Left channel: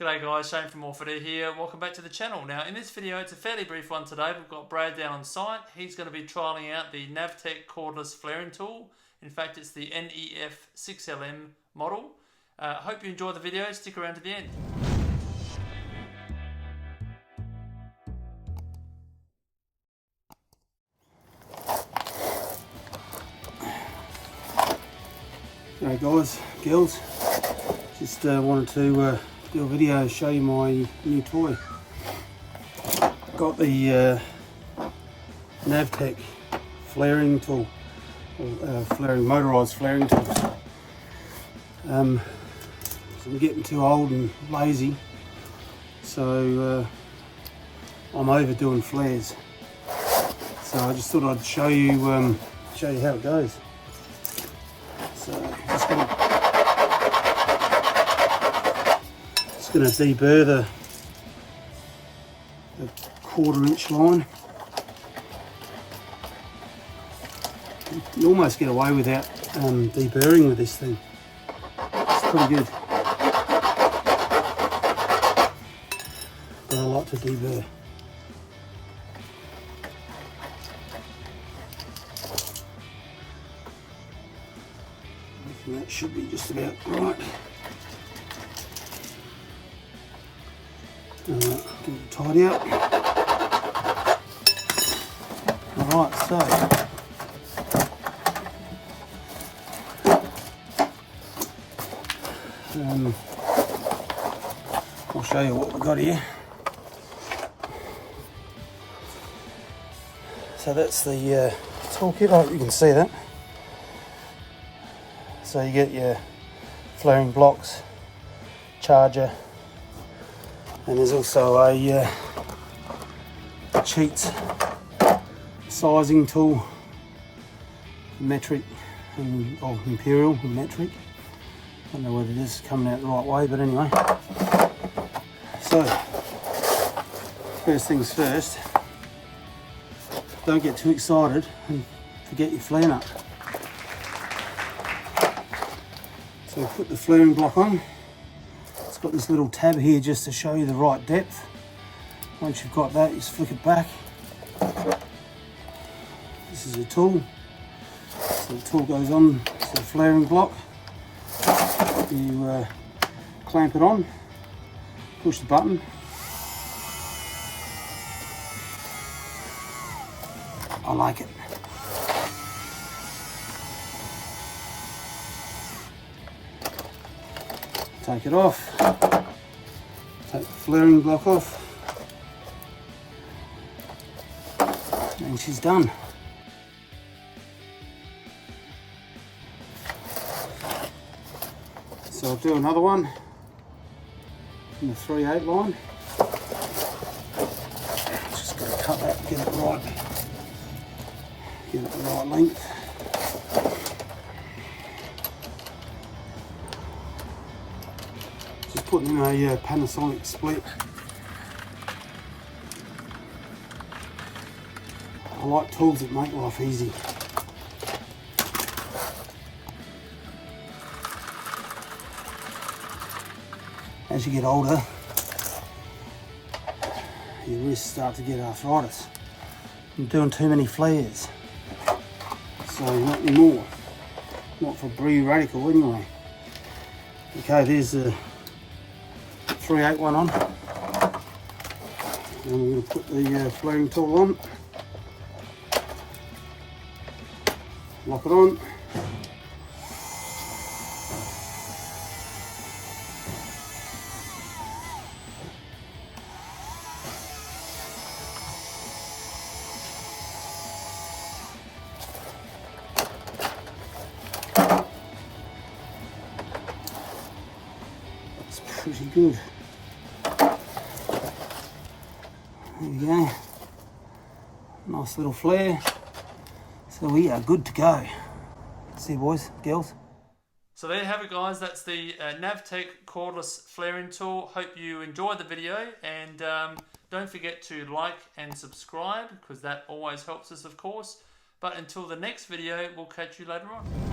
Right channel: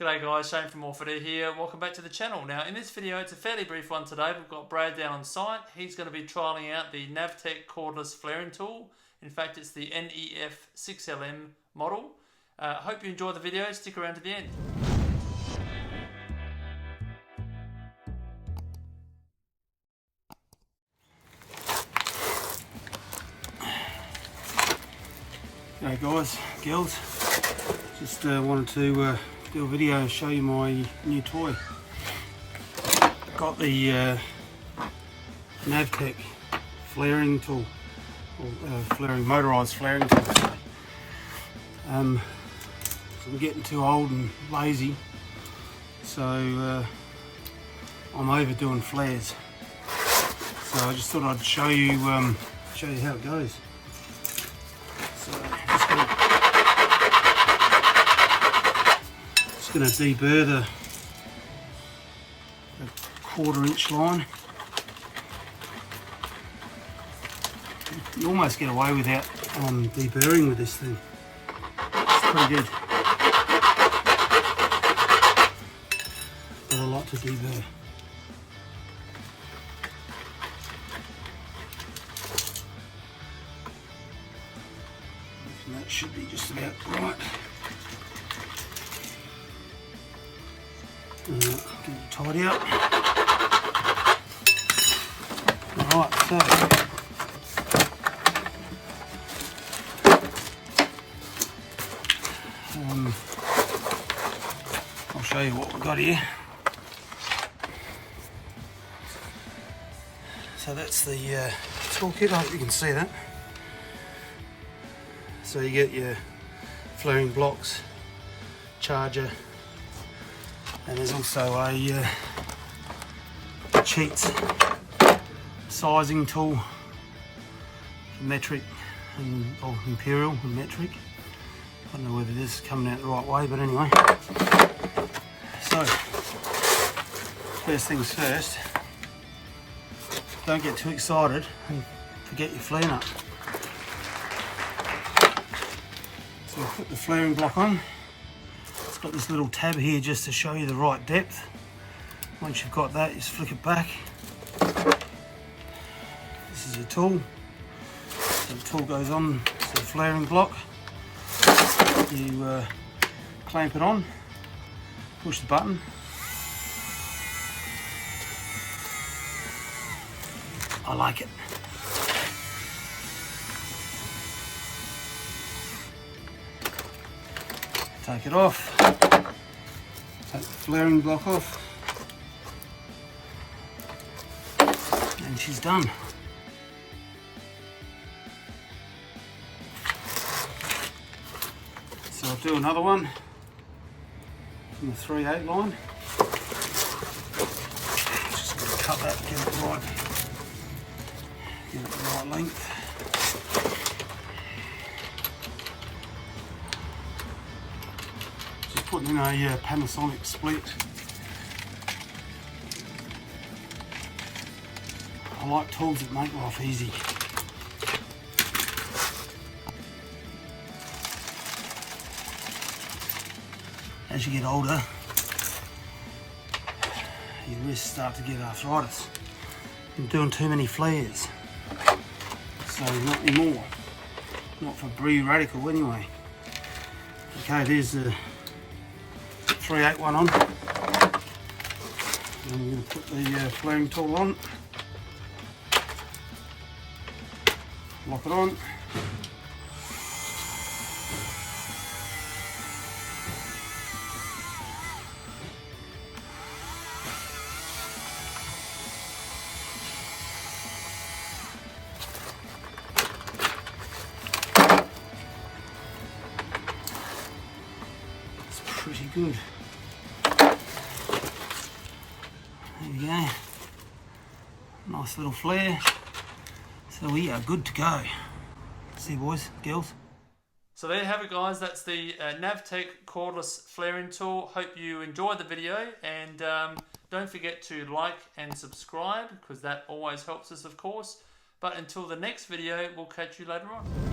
G'day guys, Shane from Morphett Air here. Welcome back to the channel. Now in this video, it's a fairly brief one today. We've got Brad down on site. He's going to be trialling out the Navtek Cordless flaring tool. In fact, it's the NEF 6LM model. Hope you enjoy the video. Stick around to the end. Hey guys, girls, just wanted to do a video to show you my new toy. Got the Navtek flaring tool, or motorised flaring tool. So I'm getting too old and lazy, so I'm overdoing flares. So I just thought I'd show you how it goes. So just going to deburr the 1/4 inch line. You almost get away without deburring with this thing. It's pretty good. But I like to deburr. That should be just about right. Give it a tidy up. Alright, so I'll show you what we've got here. So that's the toolkit. I hope you can see that. So you get your flaring blocks, charger, and there's also a cheats sizing tool, metric and imperial and metric. I don't know whether this is coming out the right way, but anyway. So first things first, don't get too excited and forget your flare nut. So we'll put the flaring block on. It's got this little tab here just to show you the right depth. Once you've got that, you just flick it back. This is a tool. So the tool goes on to the flaring block. You clamp it on, push the button. I like it. Take it off, take the flaring block off, and she's done. So I'll do another one from the 3/8 line. Just going to cut that, get it right, get it the right length. Putting in a Panasonic split. I like tools that make life easy. As you get older, your wrists start to get arthritis. You're doing too many flares. So not anymore. Not for Bree Radical anyway. Okay, there's the 3/8 one on, and we're going to put the flaring tool on, lock it on, it's pretty good. There we go, nice little flare, so we are good to go. See you boys, girls. So there you have it guys, that's the Navtek Cordless flaring tool. Hope you enjoyed the video, and don't forget to like and subscribe, because that always helps us of course. But until the next video, we'll catch you later on.